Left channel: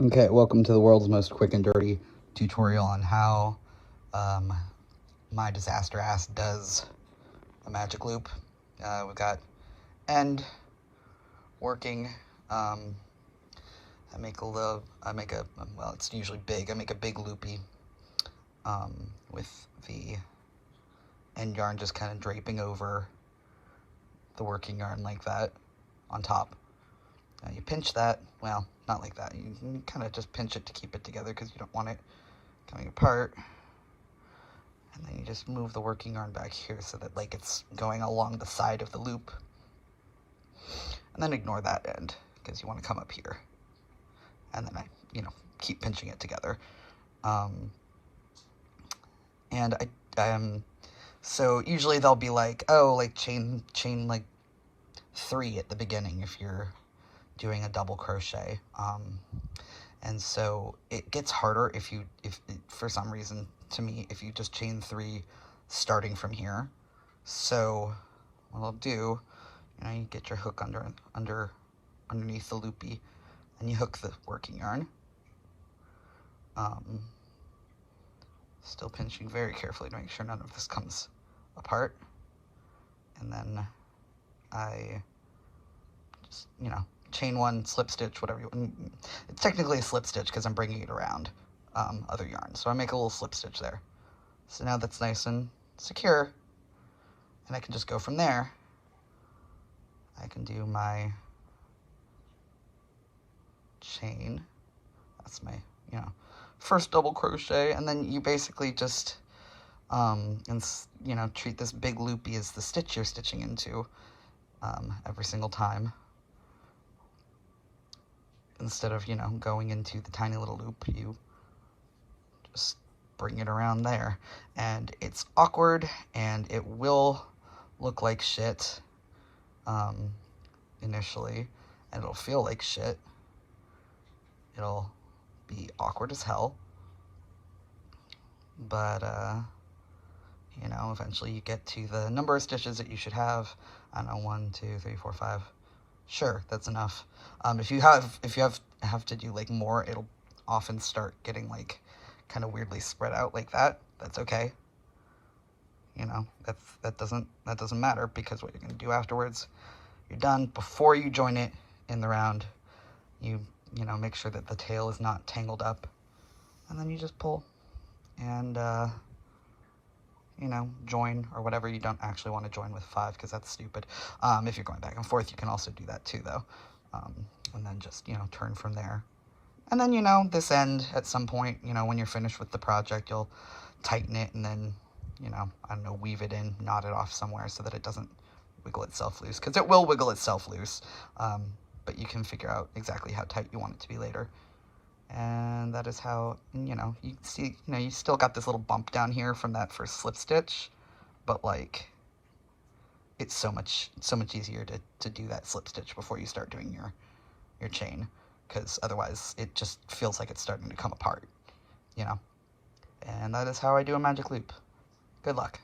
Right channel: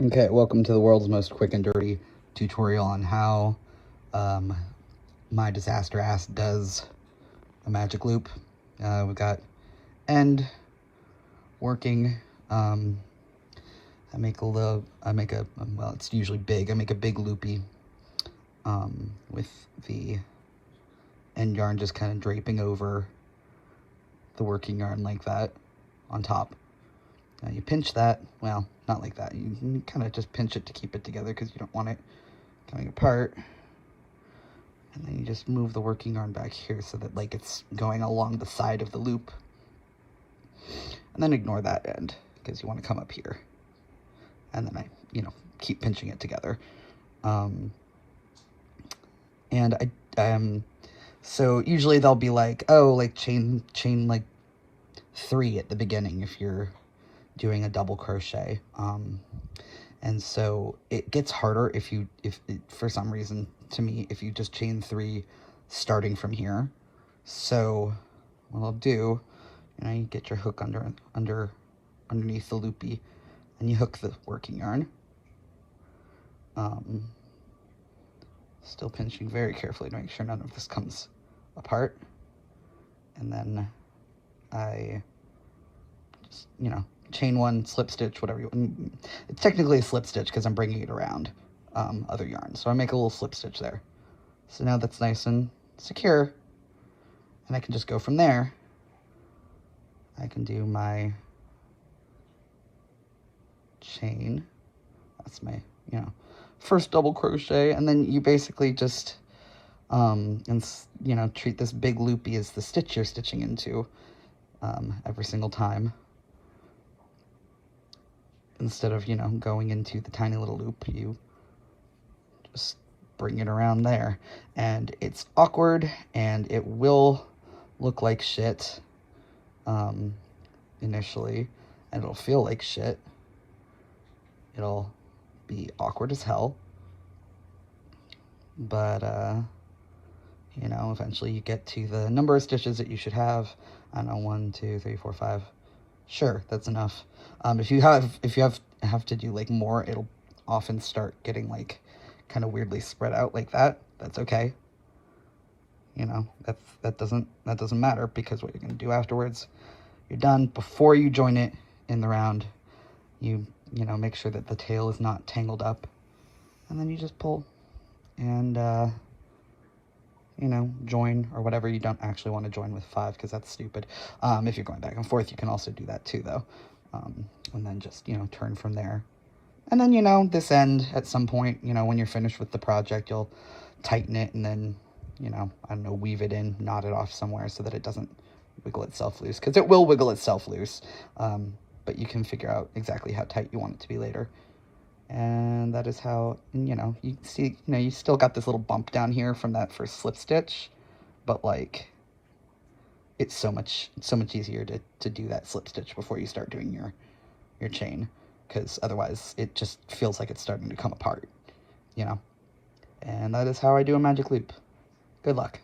Okay, welcome to the world's most quick and dirty tutorial on how my disaster ass does a magic loop. We've got end working. I make well, it's usually big. I make a big loopy with the end yarn just kind of draping over the working yarn like that on top. Now you pinch that, well, not like that. You kind of just pinch it to keep it together because you don't want it coming apart. And then you just move the working yarn back here so that like it's going along the side of the loop. And then ignore that end because you want to come up here. And then I, keep pinching it together. So usually they'll be like, oh, like chain like 3 at the beginning if you're doing a double crochet. And so it gets harder if for some reason, to me, if you just chain 3 starting from here. So what I'll do, you get your hook underneath the loopy, and you hook the working yarn. Still pinching very carefully to make sure none of this comes apart. And then I just, chain 1, slip stitch, whatever you want. It's technically a slip stitch because I'm bringing it around other yarn. So I make a little slip stitch there. So now that's nice and secure. And I can just go from there. I can do my chain. That's my, first double crochet. And then you basically just, treat this big loopy as the stitch you're stitching into every single time. Instead of, going into the tiny little loop, you just bring it around there. And it's awkward, and it will look like shit initially, and it'll feel like shit. It'll be awkward as hell. But, eventually you get to the number of stitches that you should have. I don't know, 1, 2, 3, 4, 5. Sure, that's enough. If you have to do like more, it'll often start getting like kind of weirdly spread out like that. That's okay. That doesn't matter, because what you're gonna do afterwards, you're done. Before you join it in the round, you make sure that the tail is not tangled up, and then you just pull and join, or whatever. You don't actually want to join with 5 because that's stupid. If you're going back and forth, you can also do that too, though. And then just, turn from there. And then, this end, at some point, when you're finished with the project, you'll tighten it and then, I don't know, weave it in, knot it off somewhere so that it doesn't wiggle itself loose, because it will wiggle itself loose. But you can figure out exactly how tight you want it to be later. And that is how, you see, you still got this little bump down here from that first slip stitch, but like, it's so much easier to do that slip stitch before you start doing your chain, because otherwise it just feels like it's starting to come apart, And that is how I do a magic loop. Good luck.